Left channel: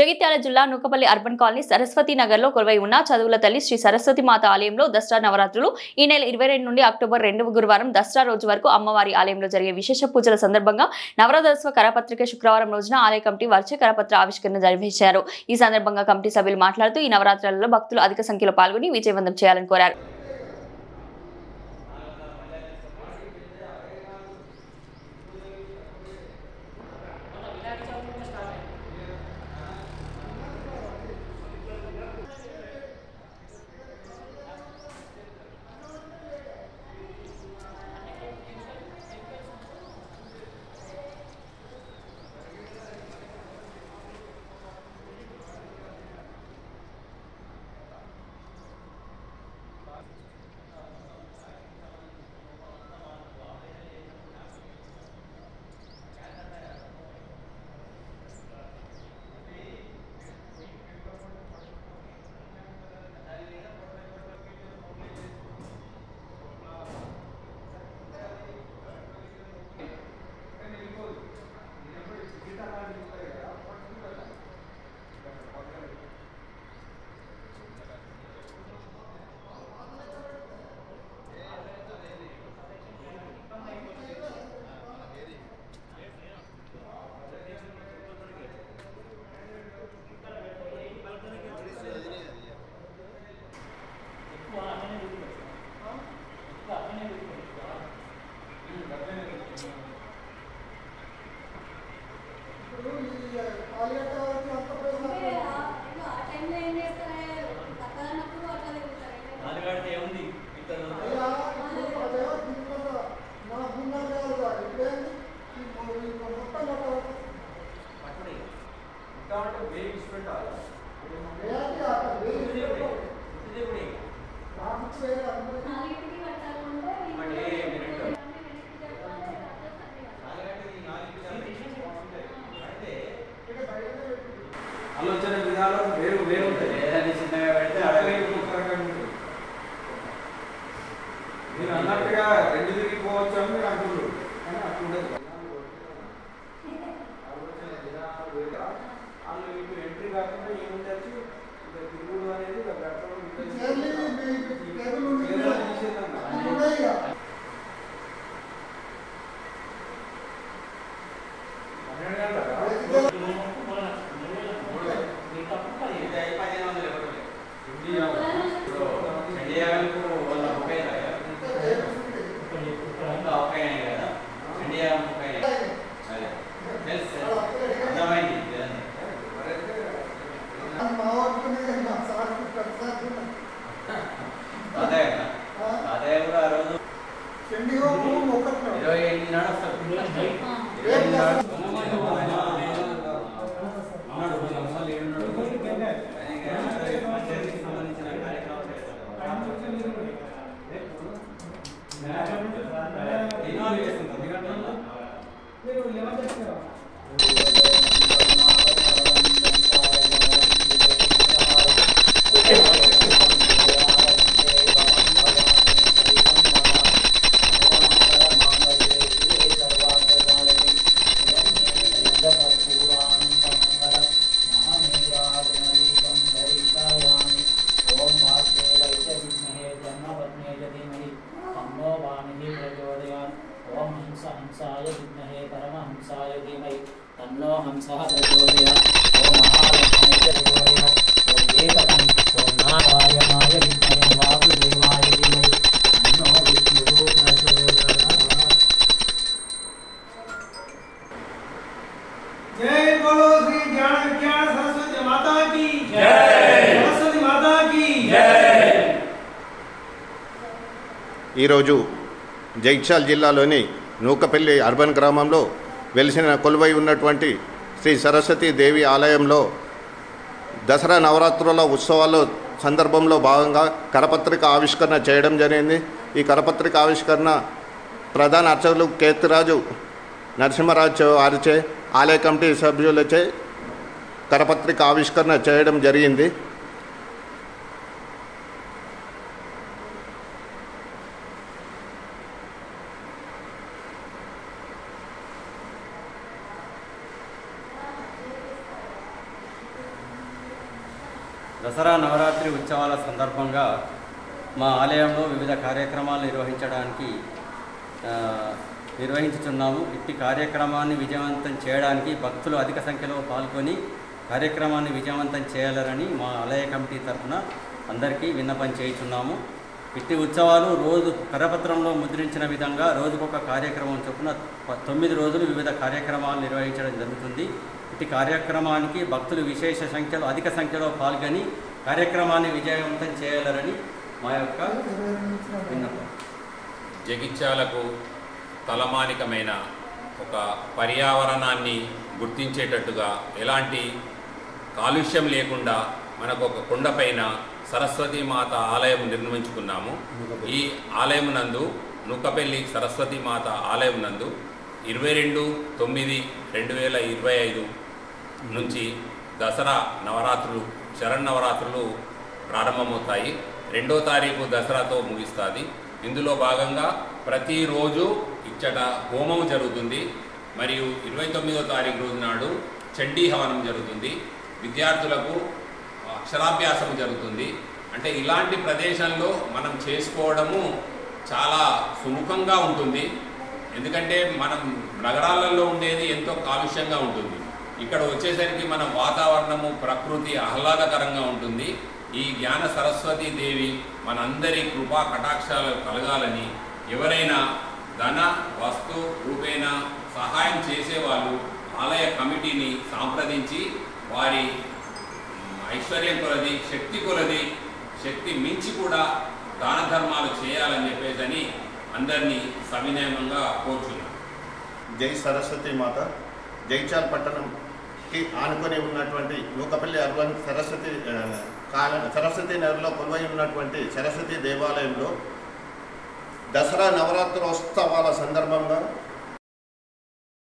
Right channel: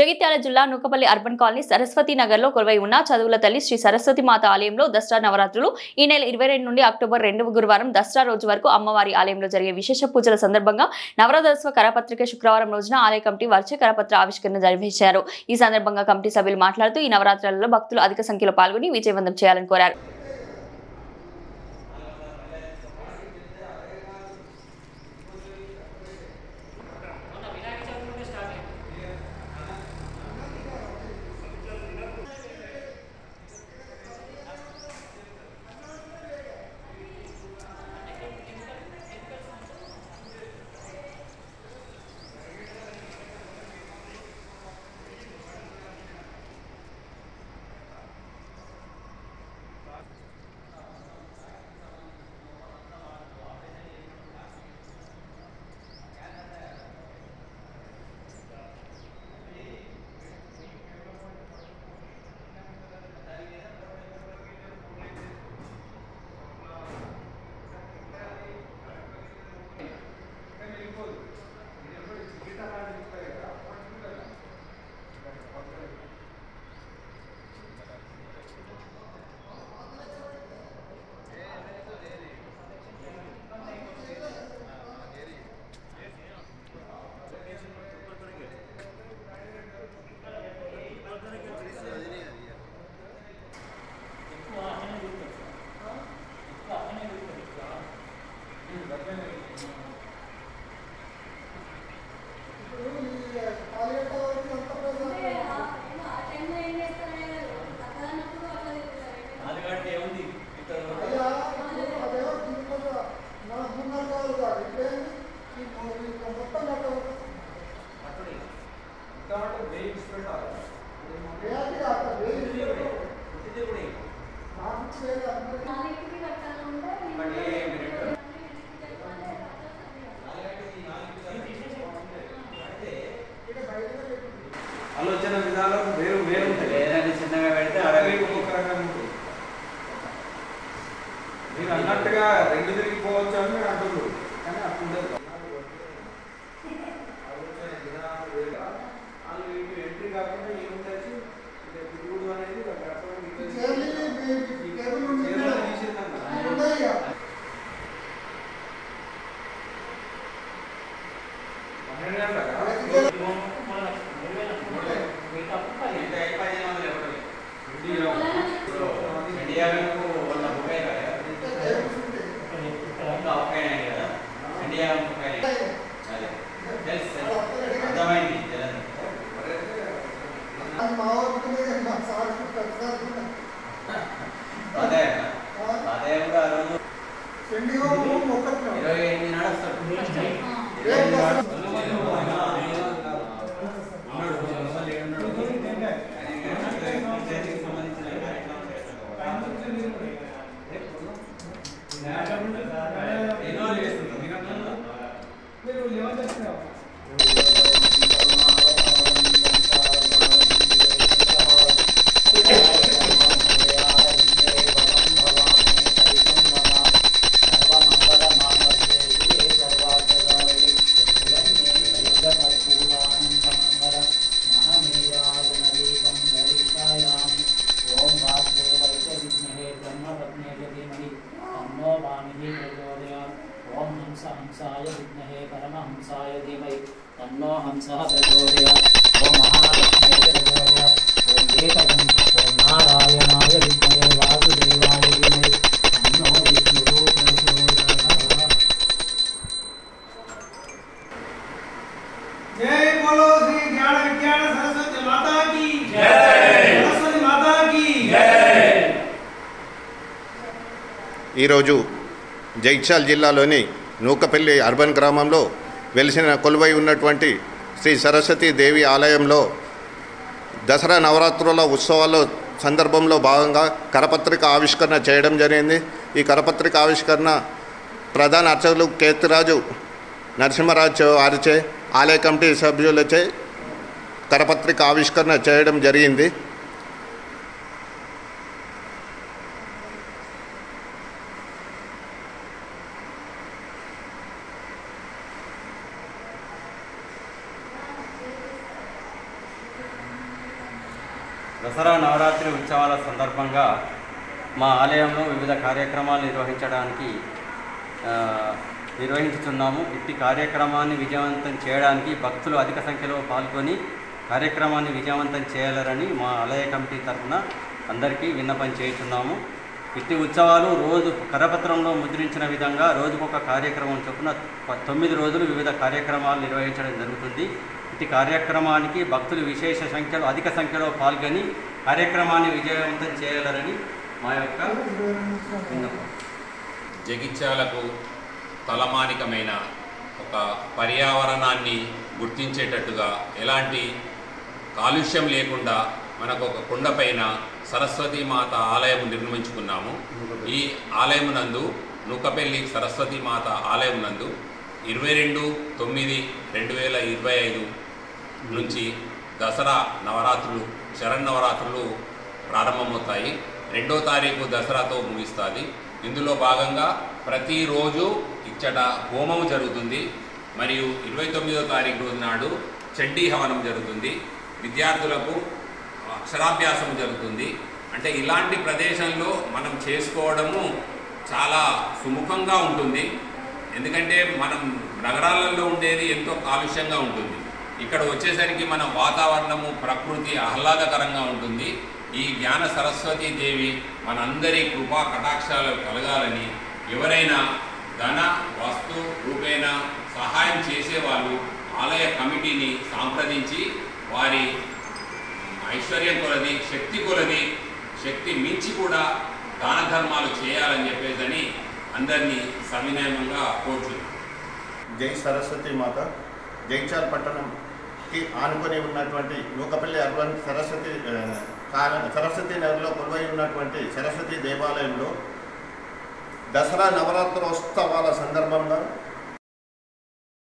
జగిత్యాల జిల్లా Nukapalli urban colony Saraswati Nagar లో కొలువై ఉన్న చదువుల తల్లి శ్రీ సరస్వతి మాత ఆలయంలో దసరా నవరాత్రులు ఈ నెల 22 నుండి అక్టోబర్ 2 గురువారం దసరా రోజు వరకు అమ్మవారి ఆలయంలో జరిగే విశేష పూజల సందర్భంగా నవరాత్రోత్సవ కరపత్రిక శుక్రవారం రోజున ఆలయ కమిటీ వారిచే కరపత్ర ఆవిష్కరణ నిర్వహించారు। ఈ సందర్భంగా కమిటీ సభ్యులు మాట్లాడుతూ ఈ నవరాత్రులలో భక్తులు అధిక సంఖ్యలో పాల్గొని విజయవంతం చేయాలని కోరారు। ఆలోచన విధానం వేరు వేరు ఉంటుంది। ఏదైనా చిన్నగా పెడితే అరవై ఉపకరంగా ఉంటుంది। మీరు అన్నట్టుగా రెండు తిరిగిపోవచ్చు అని మీరు అంటున్నారు, కానీ అప్పుడు ఉండదు। ఆలోచన విధానం వేరు। వాళ్ళు మీకు ఎంట్రీ కాకుండా ఏముండొచ్చు, ఇక తిరుగుడు అనేది ओम हंसाय विद्महे परमहंसाय धीमहि तन्नो हंसः प्रचोदयात्। ओम महालक्ष्मीये प्रचोदयात्। ओम एकदं ओम नारायणाय विद्महे वासुदेवाय धीमहि तन्नो विष्णुः प्रचोदयात्। जय बोलो श्री ज्ञान विज्ञान सरस्वती माता की जय। सरस्वती माता की जय। ఈ రోజు జగిత్యాల జిల్లాలోని నూకపల్లి అర్బన్ గ్రామంలో వెలిసిన కొలువై ఉన్నటువంటి శ్రీ సరస్వతి దేవి ఆలయంలో దసరా నవరాత్రుల ఉత్సవాల సందర్భంలో భాగంగా కరపత్రిక ఆవిష్కరణ చేయడం జరిగింది। ఈ కరపత్రిక ఆవిష్కరణ ప్రధాన అర్చకులు కేతిరాజు నరసింహరాజు వారిచే ఆలయ కమిటీ సభ్యులచే కరపత్రిక ఆవిష్కరణ చేయడం జరిగింది। దసరా నవరాత్రి ఉత్సవాల సందర్భంగా మా ఆలయంలో వివిధ కార్యక్రమాలు నిర్వహించుతున్నాము. ఇట్టి కార్యక్రమాన్ని విజయవంతం చేయడానికి భక్తులు అధిక సంఖ్యలో పాల్గొని కార్యక్రమాన్ని విజయవంతం చేయాలని మా ఆలయ కమిటీ తరఫున అందరికీ విన్నపం చేస్తున్నాము. ఇట్టి ఉత్సవాలు రోజు కరపత్రంలో ముద్రించిన విధంగా రోజుకొక కార్యక్రమం చొప్పున 9 రోజులు వివిధ కార్యక్రమాలు నిర్వహించడం జరుగుతుంది. ఇట్టి కార్యక్రమానికి భక్తులు అధిక సంఖ్యలో పాల్గొని కార్యక్రమాన్ని విజయవంతం చేయాలని మా యొక్క విన్నపం. జగిత్యాలకు తలమానికమైన ఒక పర్యావరణాన్ని గుర్తించేటట్టుగా ఎలాంటి కాలుష్యం లేకుండా మనకు ఒక కొండపైన సరస్వతీ మాత ఆలయం నిర్మించుకున్నాము. ఈ ఆలయం నందు నూకపల్లి సరస్వతీ మాత ఆలయం నందు 22/9/2025 నుంచి దసరా నవరాత్రులు శరన్నవరాత్రులు ప్రారంభమవుతాయి. 2వ తారీఖు దసరాతో ముగిస్తుంది. ఇందులో భాగంగా ప్రతిరోజు ఇచ్చట హోమం జరుగుతుంది. మరియు 29వ తారీఖు రోజు నాడు చండీ హవనం జరుగుతుంది. విద్యార్థులకు అక్షరాభ్యాసం జరుగుతుంది. అంటే ఇలాంటి ప్రదేశంలో మనం చేసుకోవడము చాలా సుముఖంగా ఉంటుంది. ఎందుకంటే మనం నగరాలలో ఉండేది ఎంతో కాలుష్యంగా ఉంటుంది. ఇక్కడ వచ్చేసరికి మన వాతావరణము ప్రకృతి ఆహ్లాదకరంగా ఉంటుంది. ఈ జ్ఞాన సరస్వతీ దేవి మనందరి కృపా కటాక్షాలు కలగాలని ఎవరైనా ధన వస్తు రూపేణ సహాయం చేసేవాళ్ళు ఆలయ కమిటీని సంప్రదించి వారి ఐశ్వర్యం కొలది శక్తి మించి కూడా దాన ధర్మాలు చేయాలని చెప్పేదని అందరినీ సవినయంగా కోరుచున్నాం. జై సరస్వతి మాత. జగిత్యాల పట్టణంకి ఆనుకొని ఉన్నటువంటి నూకపల్లి అర్బన్ సరస్వతి నగర్లో కొలువై ఉన్నటువంటి సరస్వతి దేవాలయంలో దసరా నవరాత్రోత్సవాల సందర్భంగా